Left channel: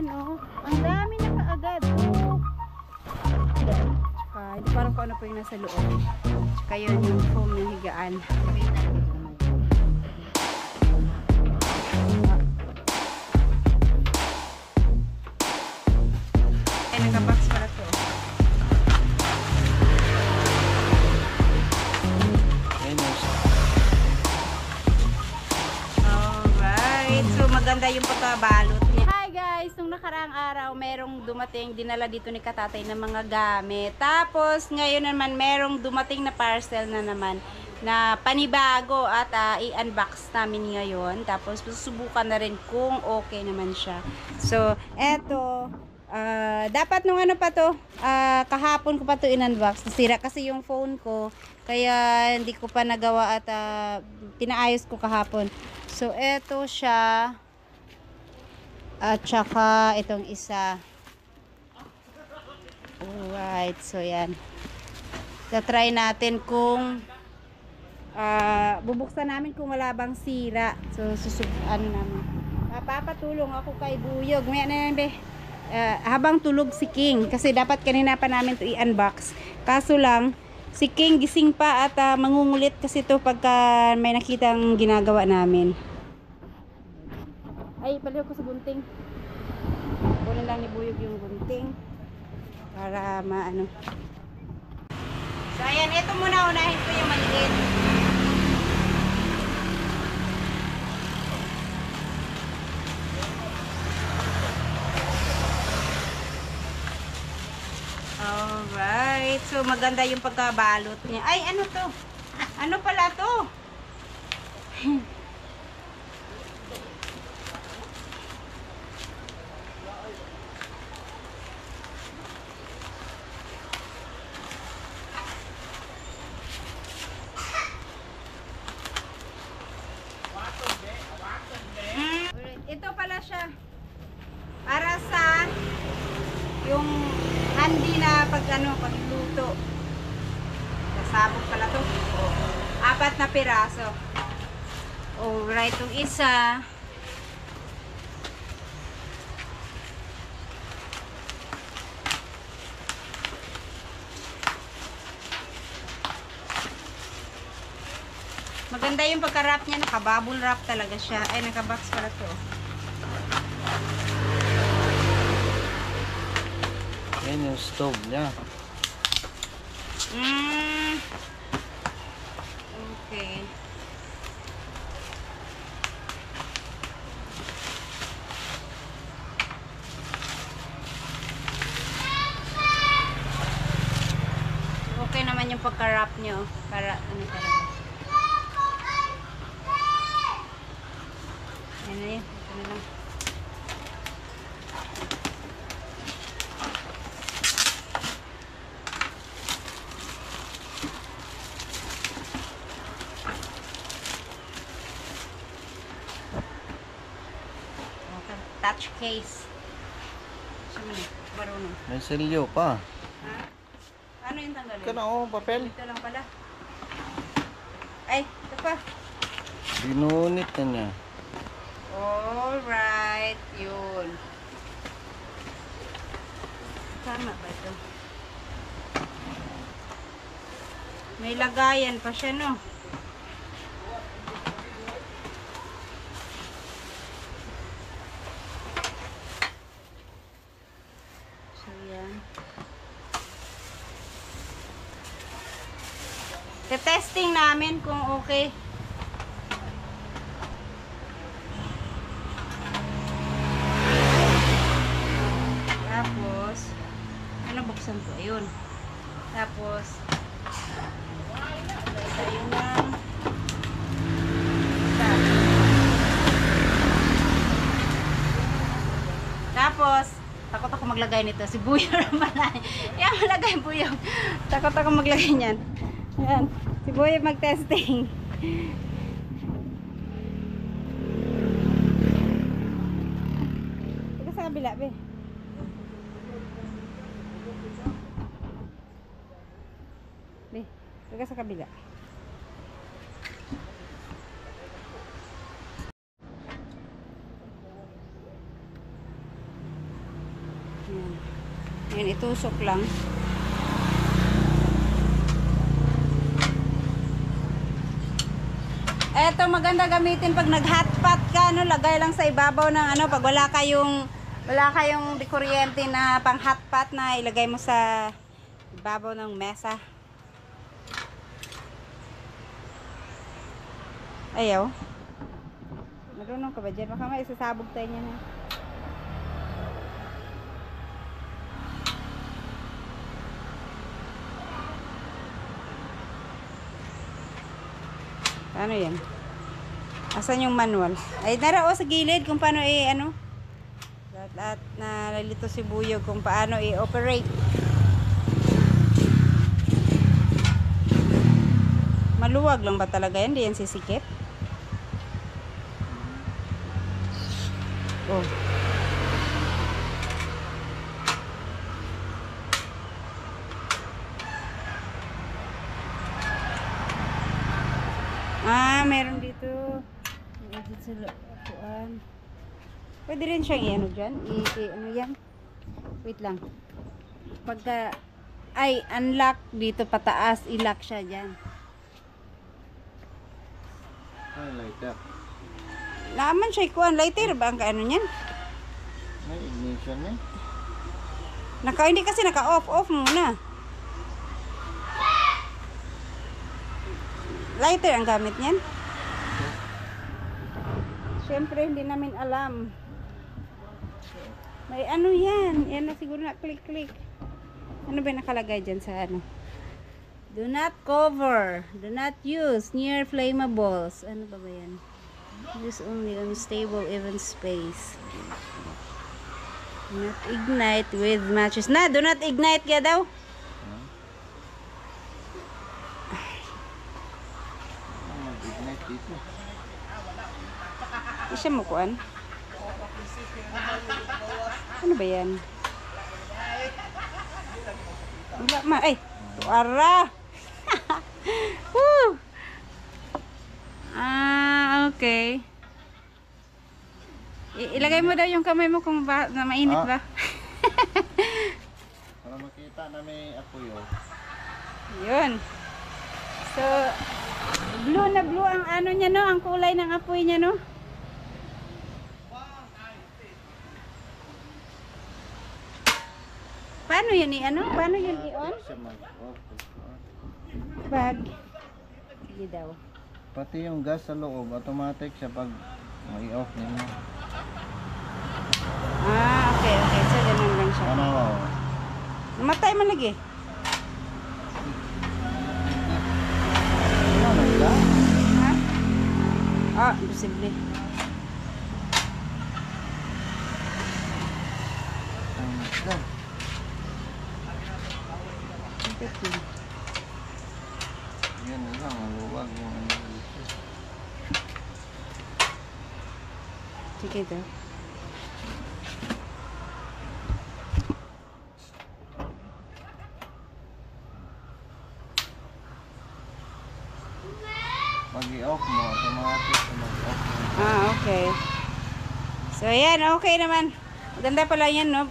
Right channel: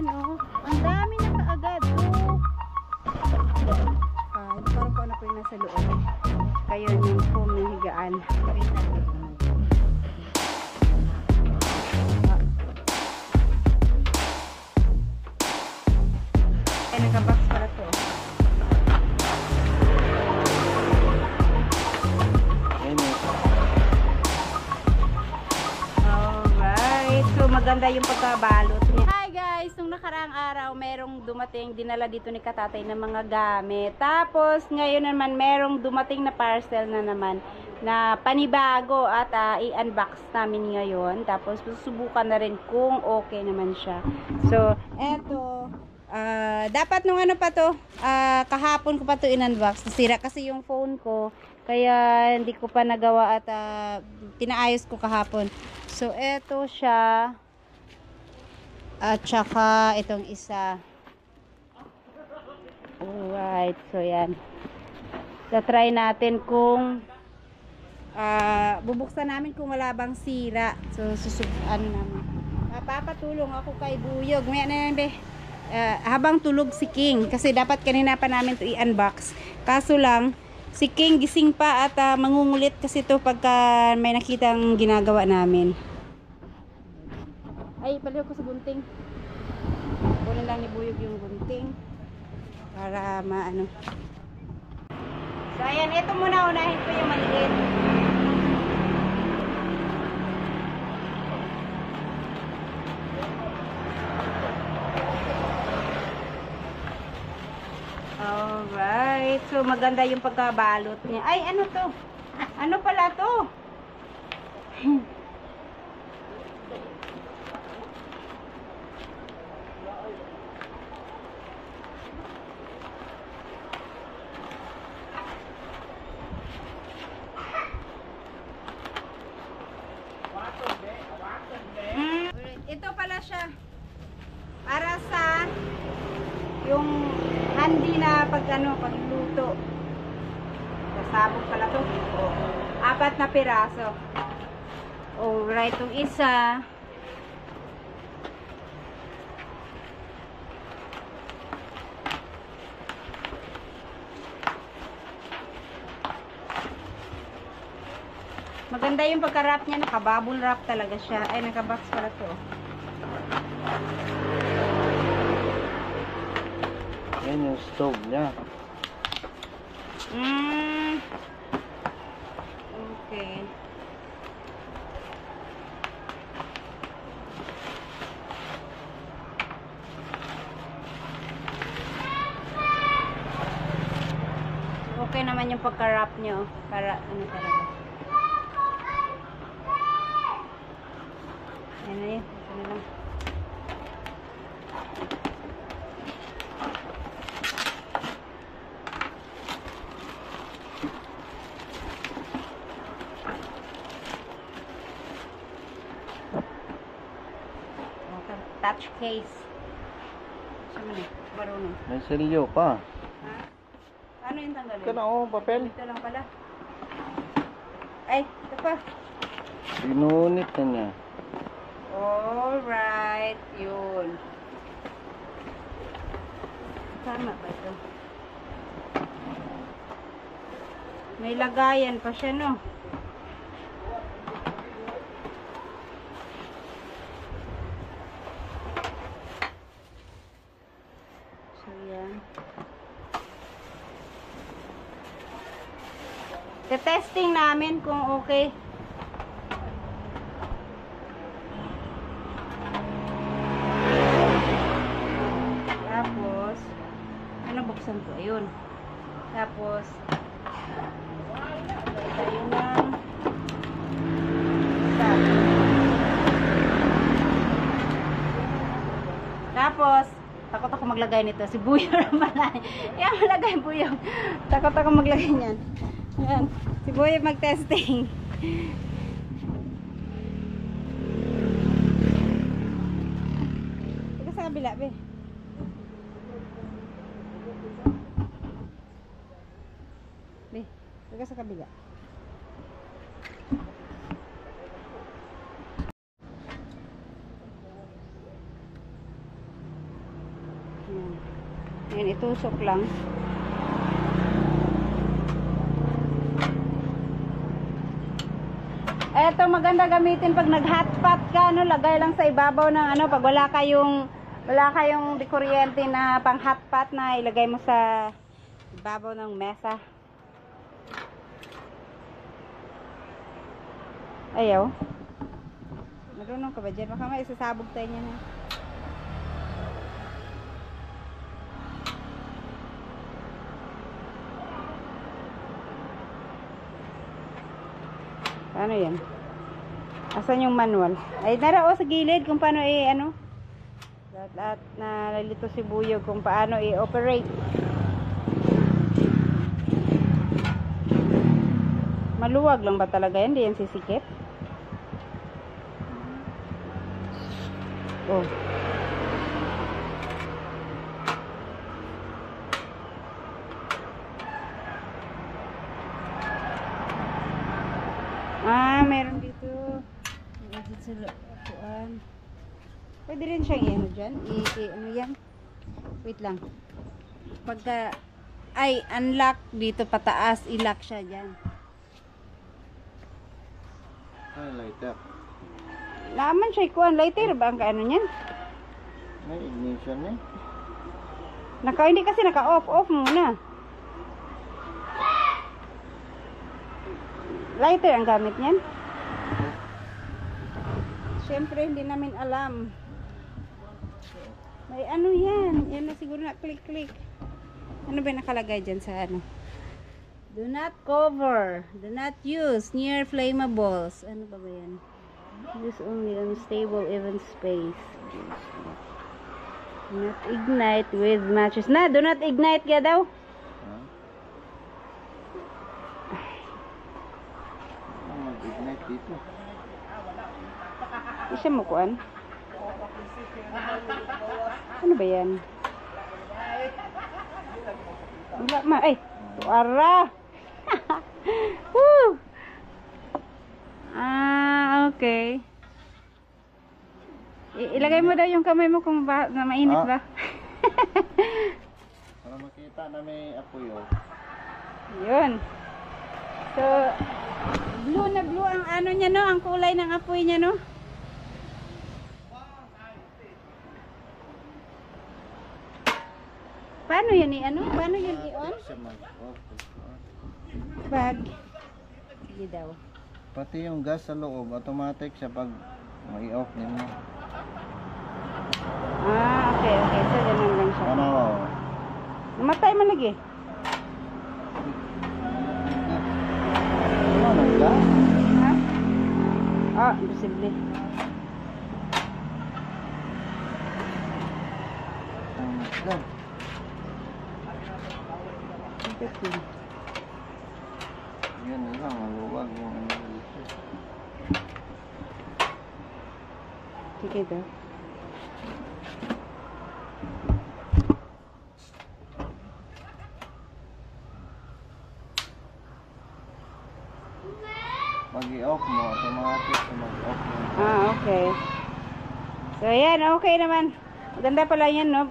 Ayan oh. Ang dami na kaagad. Oh. Tsaka, parang kung ano po yung nasa loob. Tsaka yun yung foam ng higaan. Ay, nagka-box pala to. Alright. So, maganda yung pagkabalot niya. Hi guys! Nung nakaraang araw, merong dumating, dinala dito ni Katatay ng mga gamit. Tapos, ngayon naman, merong dumating na parcel na naman na panibago at i-unbox namin ngayon. Tapos, susubukan na rin kung okay naman siya. So, eto. Dapat nung ano pa to, kahapon ko pa to in-unbox. Nasira kasi yung phone ko. Kaya, hindi ko pa nagawa at pinaayos ko kahapon. So, eto siya. At saka itong isa. Alright. So, yan. Try natin kung bubuksan namin kung wala bang sira. So, ano namin. Papatulong ako kay Buyog. May ano yan, be? Habang tulog si King. Kasi dapat kanina pa namin to i-unbox. Kaso lang, si King gising pa at mangungulit kasi to pagka may nakitang ginagawa namin. Ay, paliw ko sa gunting. Kunin lang ni Buyog yung gunting. Para maano. So, ayan. Ito muna. Unahin ko yung maliit. Alright. So, maganda yung pagkabalot niya. Ay, ano to? Ano pala to? Ito pala siya para sa yung handy na pagluto. Sabog pala to. Oh, 4 na piraso. Alright, itong isa. Maganda yung pagka-wrap niya, naka-bubble wrap talaga siya. Ay, naka-box pala to. Yan yung stove niya. Okay. Okay naman yung pagka-wrap niyo. Para ano talaga. Yan na yun. Ito na lang. Touch case. Siya man eh. Marunong. May selyo pa. Ha? Ano yung tanggalin? Ito na oh, papel. Ito lang pala. Ay, ito pa. Binunit na niya. Alright. Yun. Tama ba ito? May lagayan pa siya, no? So, yan. Te-testing namin kung okay. Tapos, ano buksan ko? Ayun. Tapos, ayun lang. Tapos, takot ako maglagay nito. Si Buyo naman. Yan, malagay Buyo. Takot ako maglagay niyan. Yan. Si Buyo mag-testing. Ito sa kabila, be. Be, ito sa kabila. Yan, itusok lang. Eto, maganda gamitin pag nag-hotpot ka, no? Lagay lang sa ibabaw ng ano, pag wala kayong di kuryente na pang hotpot na ilagay mo sa ibabaw ng mesa. Ayaw. Marunong ka ba dyan? Baka may isasabog tayo niya na. Ano yan? Asan yung manual? Ay, narao sa gilid kung paano ano. Lahat nalilito si Buyog kung paano i-operate. Maluwag lang ba talaga yan? Di yan sisikip? Oh. Meron dito. Meron dito sa lapuan. Pwede rin siyang i-ano dyan. Ano yan? Wait lang. Pagka, ay, unlock dito pataas, i-lock siya dyan. I like that. Laman siya ikuan. Lighter ba ang kaano niyan? May ignition eh. Hindi kasi naka-off muna. Lighter ang gamit niyan. Siyempre, hindi namin alam. May ano yan. Yan na siguro na click. Ano ba nakalagay dyan sa ano? Do not cover. Do not use near flammables. Ano ba yan? Use only on stable even space. Do not ignite with matches. Do not ignite ka daw. Huh? Mag-ignite dito. Isa mo kuan. Ano ba yan? Wala ma. Ay! Tuara! Woo! Okay. Ilagay mo daw yung kamay mo kung na mainit ba? Para makita na may apoy oh. Yun. So, blue na blue ang ano niya, no? Ang kulay ng apoy niya, no? Paano yun i-ano? Paano yun i-on? Siya mag-off. Bag. Sige daw. Pati yung gas sa loob, automatic siya pag may-off ninyo. Okay. So, ganun lang siya. Ano? Namatay man lagi. Ano ba? Ha? Imposible. Yan na lang, maluwag yung ano dito. Sige daw. Pag i-off mo, automatic na mag-off yung Okay. So, ayan. Okay naman. Ganda pala yan, no?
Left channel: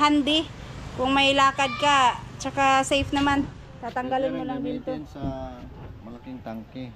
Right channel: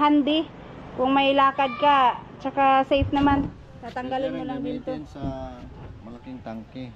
Handy. Kung may lakad ka, tsaka safe naman. Tatanggalin mo lang dito. gamitin sa malaking tangke.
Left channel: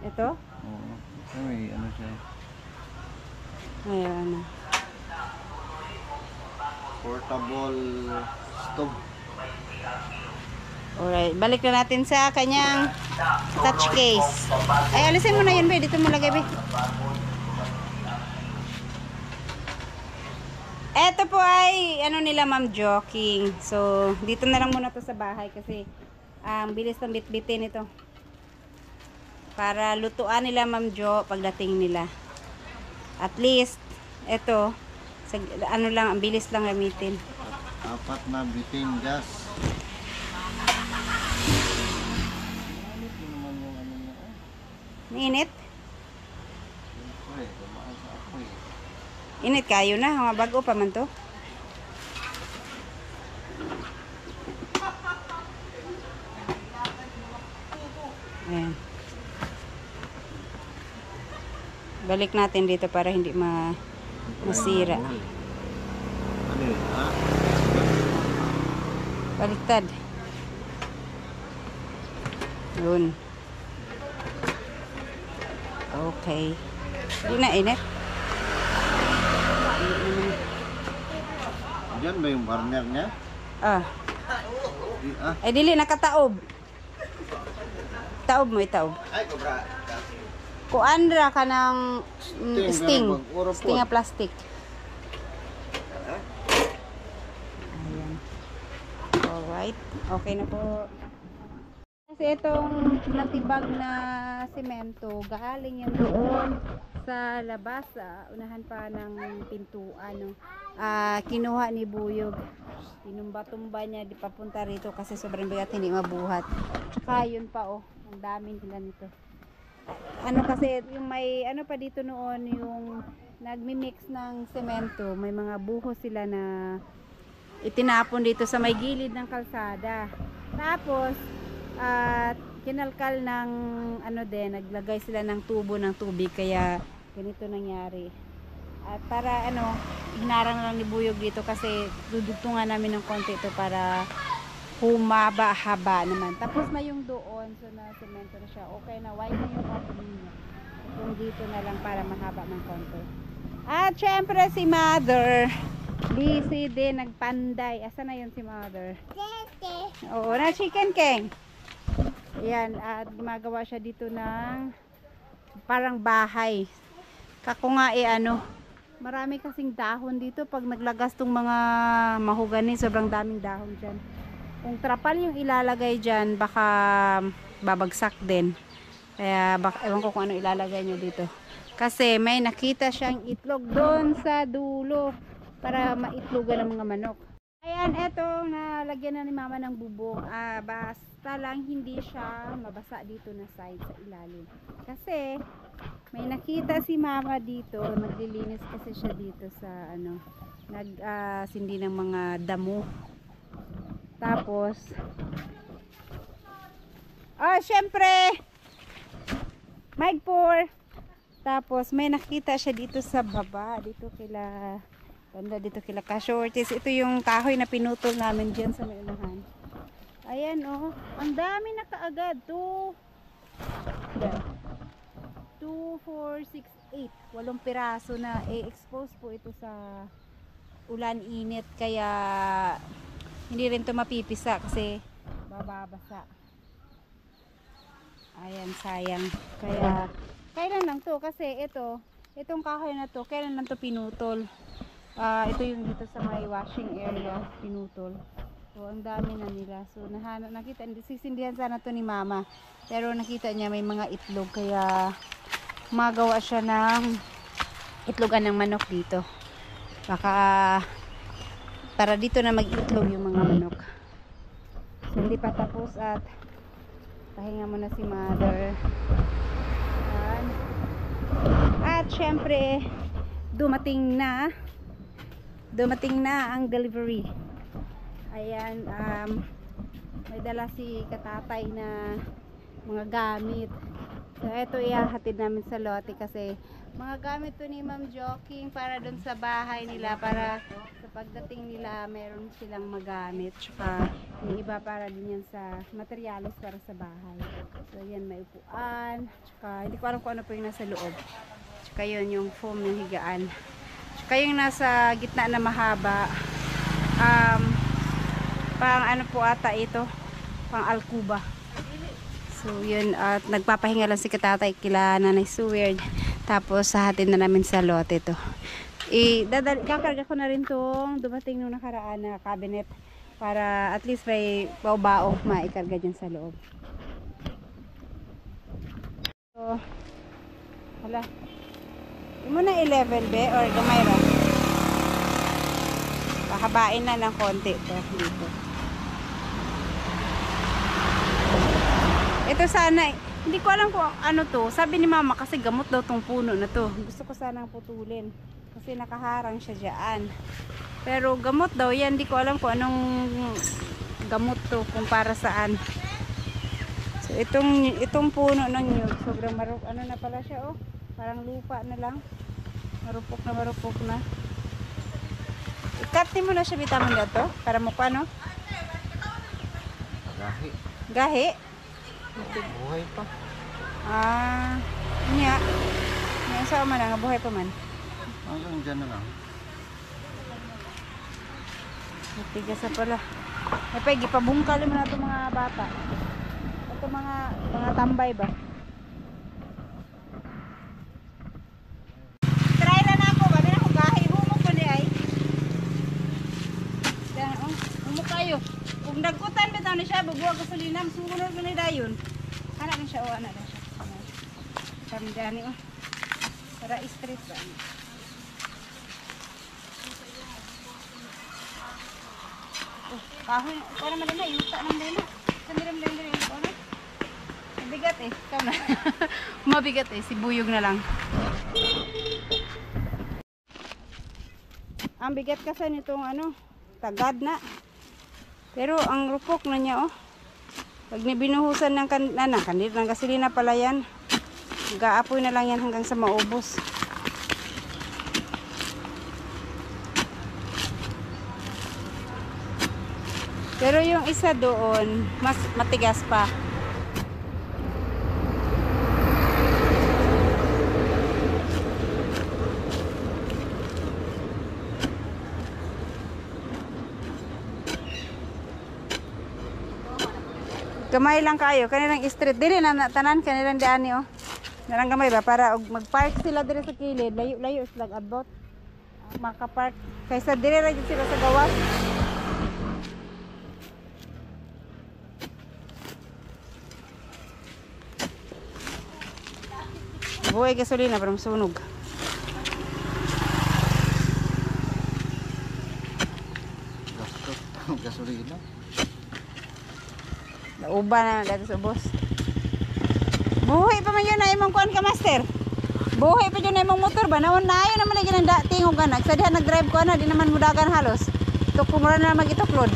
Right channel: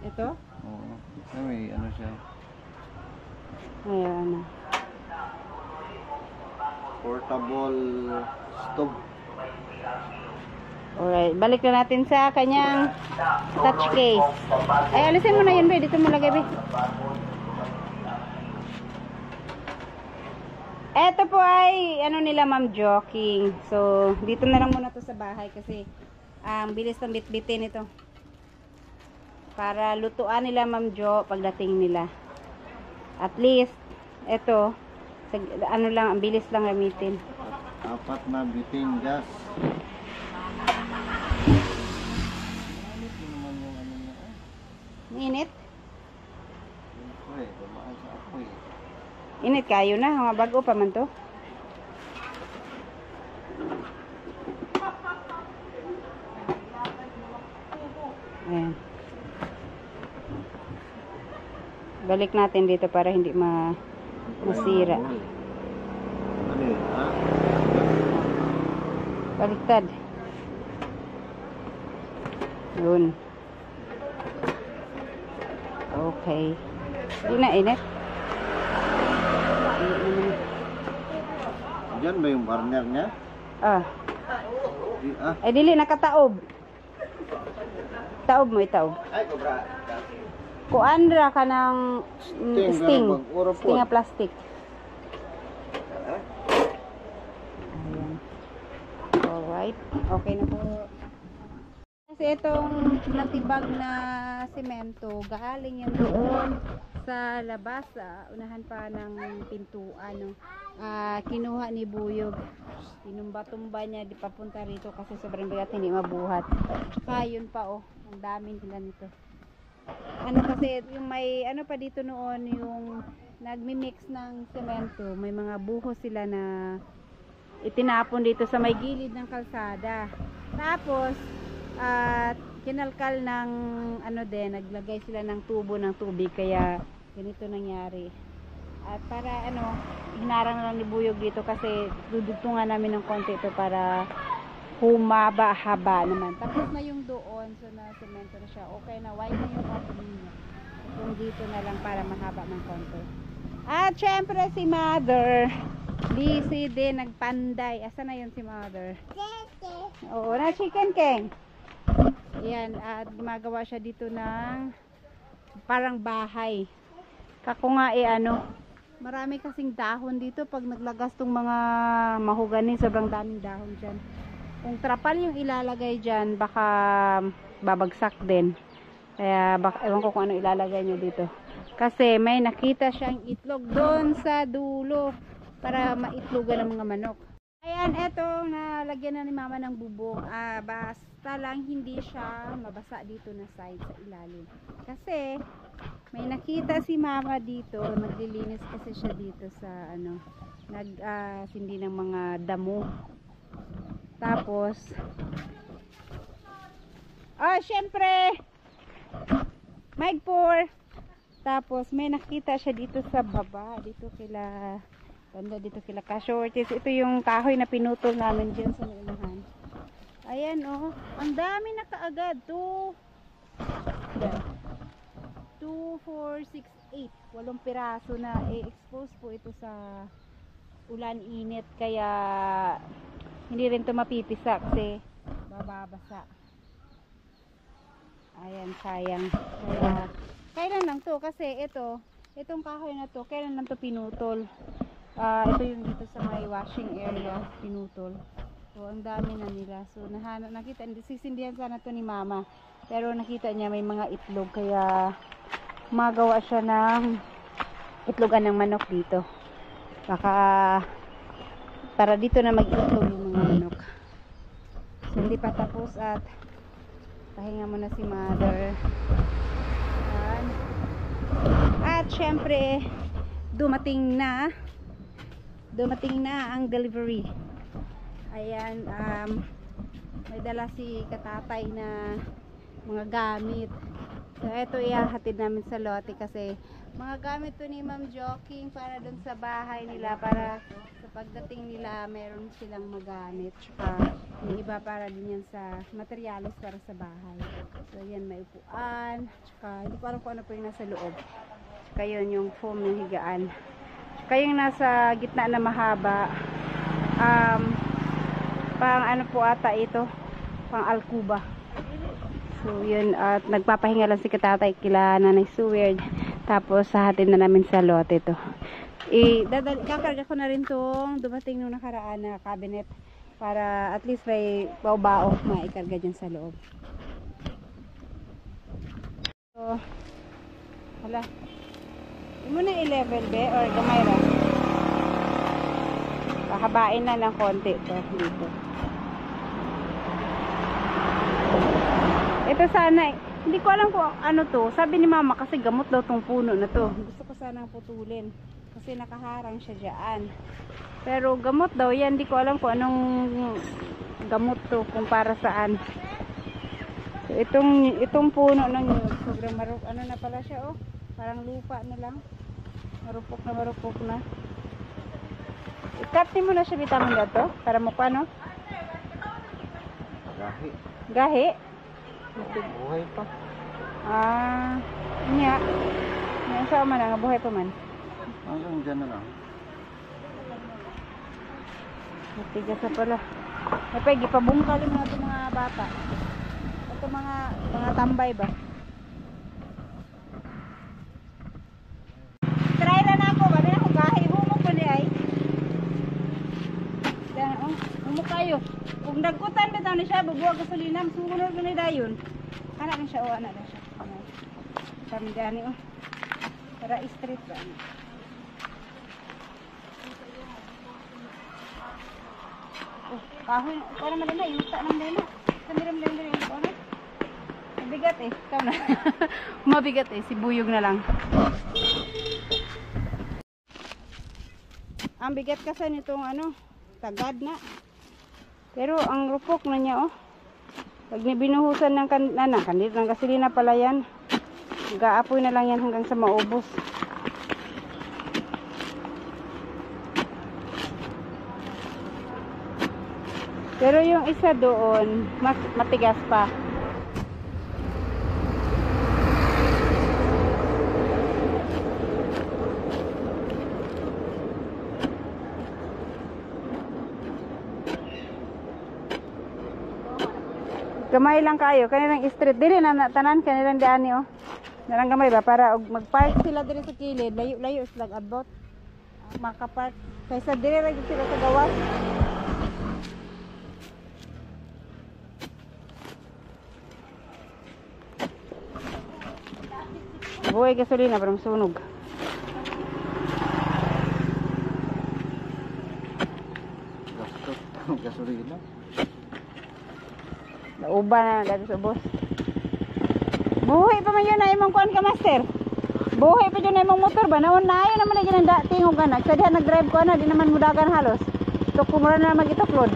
Ito? Oo. May ano siya. Ayan. Portable stove. Alright. Balik na natin sa kanyang touch case. Ay, alisin mo na yun, be. Dito mo lagay, be. Ito po ay, ano nila, ma'am, joking. So, dito na lang muna to sa bahay kasi bilis ng bitbitin ito. Para lutuan nila, ma'am Jo, pagdating nila. At least, ito, ano lang, ang bilis lang gamitin. Apat na bitin gas. Ano naman yung ano niya? Mainit? Siyempre, dumaan sa apoy. Init kayo na, mga bago pa man to. Ayan. Balik natin dito para hindi masira. Ano yun, ha? Baliktad. Yun. Okay. Hindi na init. Diyan ba yung burner niya? Ah. Di, ah. Ay, dili, nakataob. Taob mo, itaob. Ay, kobra. Kuandra ka ng sting. Sting nga plastic. Ayan. Alright. Okay na po. Kasi itong natibag na semento, galing yan doon sa labas, unahan pa ng pintuan. No? Kinuha ni Buyog. Tinumba-tumba niya, di papunta rito kasi sobrang bigat, hindi mabuhat. Saka yun pa, oh, ang daming nila nito. Ano kasi, yung may, ano pa dito noon, yung nagmi-mix ng semento, may mga buhos sila na itinapon dito sa may gilid ng kalsada. Tapos, at kinalkal ng ano din, naglagay sila ng tubo ng tubig, kaya ganito nangyari. At para ano, hinarang lang ni Buyog dito kasi dudugtungan namin ng konti ito para humaba-haba naman. Tapos na yung doon, so na semento na siya. Okay na, wide na yung opening niya. Kung dito na lang para mahaba ng konti. At syempre si Mother, busy din, nagpanday. Asa na yun si Mother? Oo, na chicken king. Ayan, at gumagawa siya dito ng parang bahay. Kako nga ano, marami kasing dahon dito pag naglagas tong mga mahogani, sobrang daming dahon dyan. Kung trapal yung ilalagay dyan, baka babagsak din. Kaya baka, ewan ko kung ano ilalagay nyo dito. Kasi may nakita siyang itlog doon sa dulo para maitlogan ng mga manok. Ayan, eto, nalagyan na ni Mama ng bubong. Basta lang hindi siya mabasa dito na side sa ilalim. Kasi may nakita si Mama dito, naglilinis kasi siya dito sa ano, sindi ng mga damo. Tapos syempre mic pour. Tapos may nakita siya dito sa baba, dito kila banda, dito kila ka-shorties. Ito yung kahoy na pinutol namin dyan sa unahan. Ayan, oh, ang dami na kaagad. 2, 4, 6, 8, 8 piraso na expose po ito sa ulan, init, kaya hindi rin ito mapipisa kasi bababasa. Ayan, sayang. Kaya kailan lang to, kasi itong kahoy na to, kailan lang to pinutol. Ito yung dito sa may washing area, pinutol. So ang dami na nila. So nakita, sisindihan sana to ni Mama, pero nakita niya may mga itlog, kaya magawa siya ng itlogan ng manok dito. Baka para dito na mag-itlog yung mga manok. So hindi pa tapos at pahinga muna si Mother. At syempre dumating na ang delivery. Ayan, may dala si katatay na mga gamit. So eto ihahatid namin sa lote kasi mga gamit to ni Ma'am Joking para dun sa bahay nila, para sa pagdating nila meron silang magamit. Tsaka yung iba para din yan sa materials para sa bahay. So yan, may upuan, tsaka hindi ko alam kung ano po yung nasa loob. Tsaka yun yung foam ng higaan. Tsaka yung nasa gitna na mahaba, pang ano po ata ito, pang alkuba. So yun, at nagpapahinga lang si katatay kila Nanay Seward. Tapos hahatid na namin sa lote to. Kakarga ko na rin tong dumating nung nakaraan na cabinet para at least may bao-bao maikarga dyan sa loob. So hala, hindi mo na i-level be or gamay ra, pahabain na lang konti to dito. Ito sana, hindi ko alam kung ano to. Sabi ni Mama kasi gamot daw tong puno na to. Gusto ko sanang putulin kasi nakaharang siya dyan. Pero gamot daw yan. Hindi ko alam kung anong gamot to, kung para saan. So itong puno ng nyug, sobrang ano na pala siya, oh. Parang lupa na lang. Marupok na. I-cut mo na siya, bitamin na to para mo paano. Gahi. Gahi? Buhay pa. Ah, niya. Niya sa man nga buhay pa man. Hanggang dyan na lang. Matigas na pala. Ay pa, gipabungkal mo na ito mga bata. Ito mga tambay ba? Try na na ako. Babi na ako gahi. Humok ko ni ay. Yan, humok kayo. Kung nagkutan bitaw ni siya, bubuwag gasolina. Sumunod ko ni dayon. Anak na siya o anak na siya. Kami dani o. Para street ba? Kahoy, para madala, yuta ng dala. Sandiram dala yung ano. Mabigat eh, ikaw na. Mabigat eh, sibuyog na lang. Ang bigat kasi nitong ano, tagad na. Pero ang rupok na niya oh. Pag binuhusan ng kandil ng gasolina pala yan. Gaapoy na lang yan hanggang sa maubos. Pero yung isa doon, mas matigas pa. Gamay lang kayo, kanilang street dili na tanan kanilang daan oh. Narang gamay ba para mag-park sila dire sa kilid, layo-layo sila abot. Maka-park kaysa dire ra sila sa gawas. Buhay gasolina para masunog. Gastos. Gasolina. Nauba na dati sa boss. Buhay pa man yun na imong kuan ka master. Buhay pa yun na imong motor ba? Naon na yun naman lagi ng tingog ka na. Sa dihan nag-drive ko na, di naman mudagan halos. Tok kumura na mag-itoklod.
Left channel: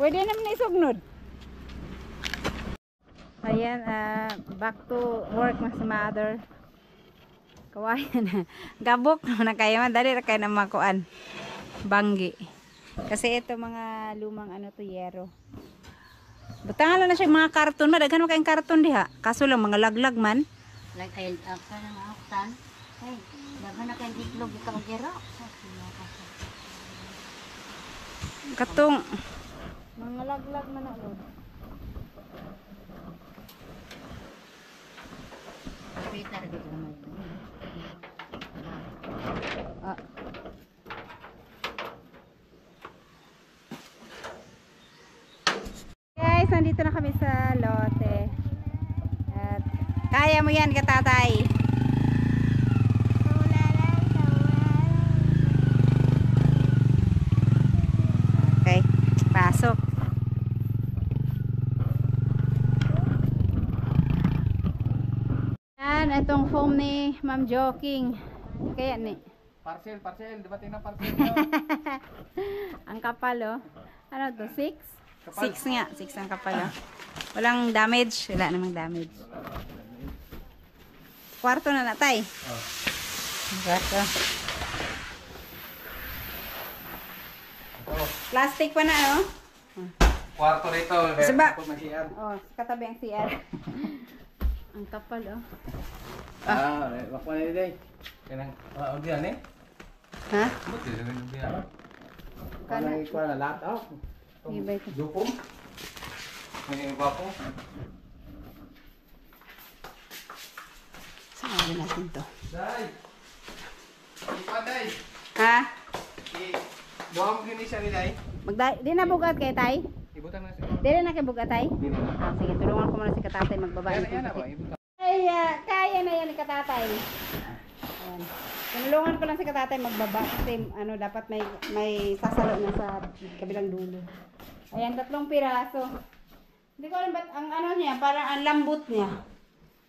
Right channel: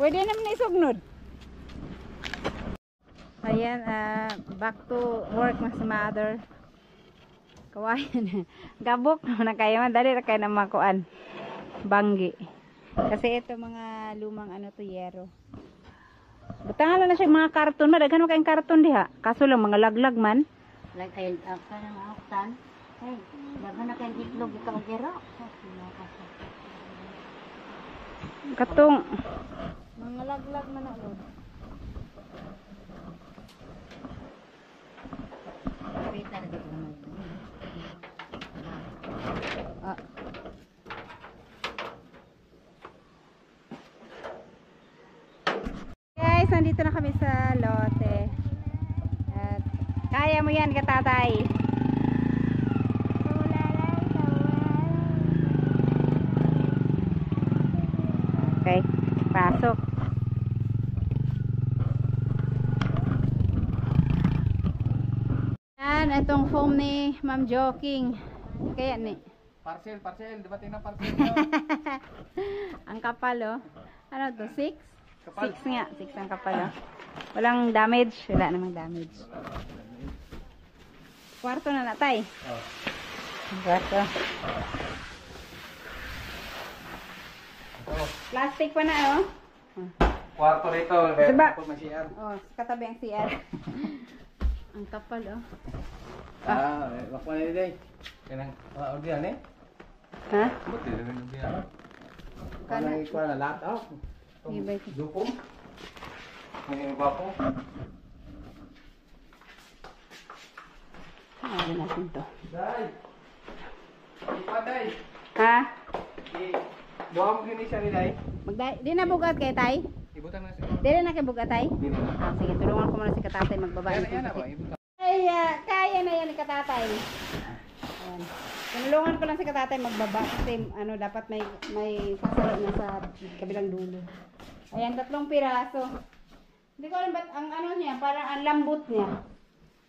Pwede naman na isugnod. Ayan, back to work na si mother. Kawayan. Gabok na kayo. Dali na kayo na makuan. Banggi. Kasi ito mga lumang ano to, yero. Butangan na siya mga karton. Madaghan mo kayong karton diha. Kaso lang mga laglag man. Like ay ka na nakaktan. Ay, daghan na kay itlog ikaw gero. Katong mga laglag man na lod. Kita na dito naman. Ah. Guys, nandito na kami sa lote. At kaya mo yan, katatay. Okay, pasok. Yan, itong foam ni Ma'am Joking. Kaya ni. Parcel. Dumating na parcel. Ang kapal oh. Ano to? 6? Kapal. 6 nga. 6 ang kapal oh. Walang damage. Wala namang damage. Kwarto na natay. Oh. Kwarto. Ito. Plastic pa na oh. Kwarto rito. Saba. Tapos mag-CR. Oh, katabi ang CR. Ang kapal oh. Wakwa na nila eh. Kanang, diyan eh. Ha? Ba't din na diyan? Kana. Ikuha na lahat oh. Iba ito. Dupong. May iba po. Saan natin to? Day! Ipa day! Ha? Buha mo gini siya nila eh. Di na bugat kay tay? Ibutan na siya. Di na kay bugat tay? Di na. Ah, sige, tulungan ko muna si katatay magbaba. Yan na ba? Ibutan. Ay, kaya na yan ni katatay. Ayan. Tinulungan ko lang si katatay magbaba kasi ano, dapat may sasalo na sa kabilang dulo. Ayan, 3 piraso. Hindi ko alam ba't ang ano niya, parang ang lambot niya.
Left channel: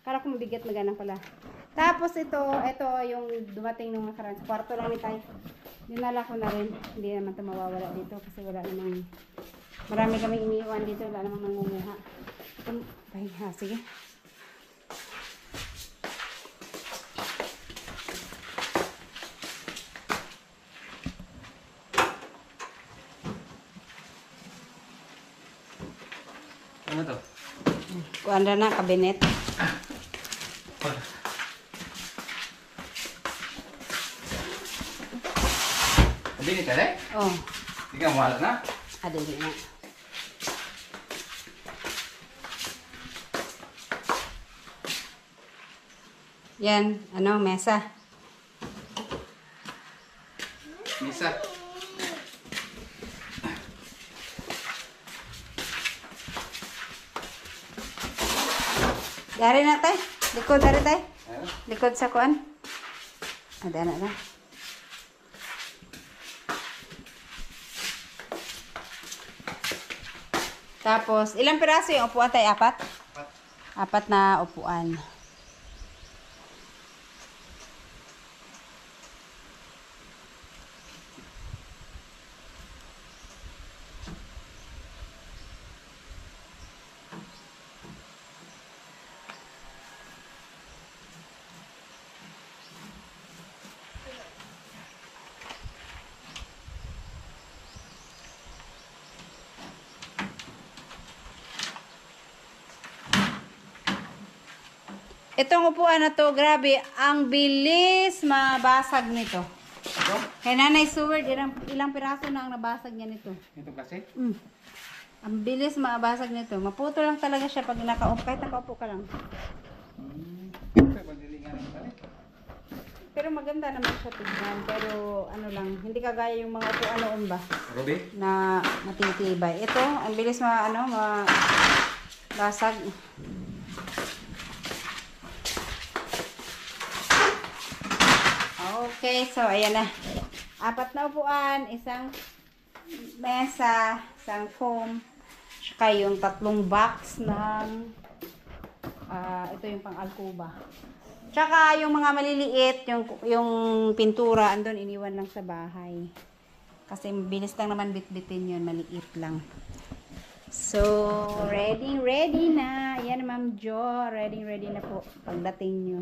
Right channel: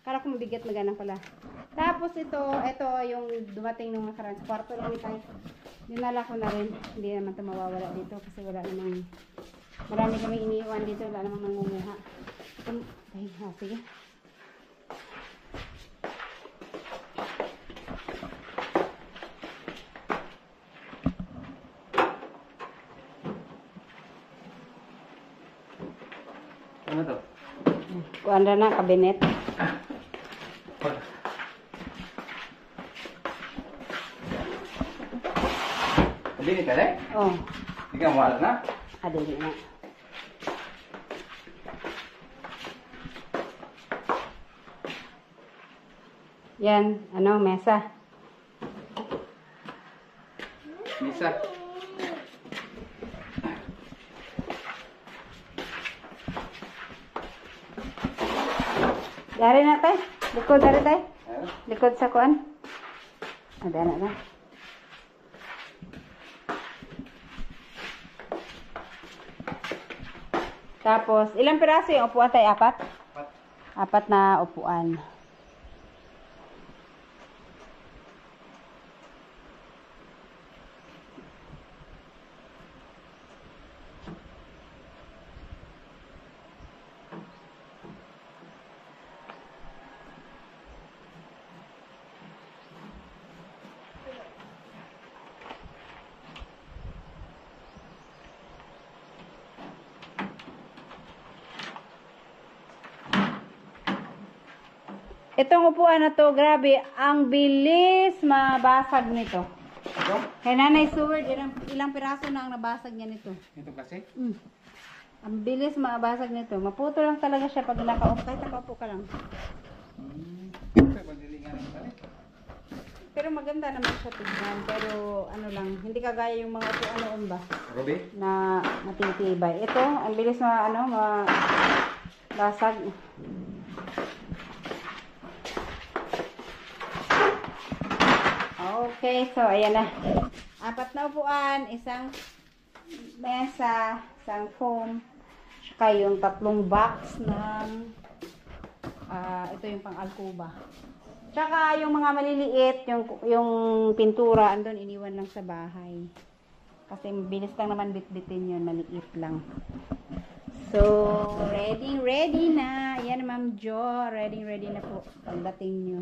Kala ko mabigat na ganun pala. Tapos ito yung dumating nung nakaraan. Sa kwarto lang ni Tay. Dinala ko na rin. Hindi naman ito mawawala dito kasi wala namang, marami kaming iniiwan dito. Wala namang nangunguha. Ay, ha, sige. Ano to? Kuan na kabinet. Hindi ka deh? Oh, Ikaw mahal na? adili na. Yan, ano, mesa. Bisa. Dari na tay. Likod dari tay. Ano? Likod sa kuan. Ada na na. Tapos, ilang piraso yung upuan tay? Apat? Apat na upuan. Itong upuan na to, grabe, ang bilis mabasag nito. Ito? Kay Nanay Seward, ilang piraso na ang nabasag niya nito. Ito kasi? Ang bilis mabasag nito. Maputo lang talaga siya pag nakaupo. Kahit nakaupo ka lang. Ito, pagdilingan ng tali. Pero maganda naman siya tignan. Pero ano lang, hindi kagaya yung mga upuan noon ba Ruby? na matitibay. Ito, ang bilis mabasag. Okay, so ayan na. Apat na upuan, isang mesa, isang foam, saka yung tatlong box ng ito yung pang-alcoba. Tsaka yung mga maliliit, yung pintura, andun iniwan lang sa bahay. Kasi bilis lang naman bitbitin yun, maliit lang. So, ready na. Ayan, Ma'am Jo, ready na po pagdating nyo.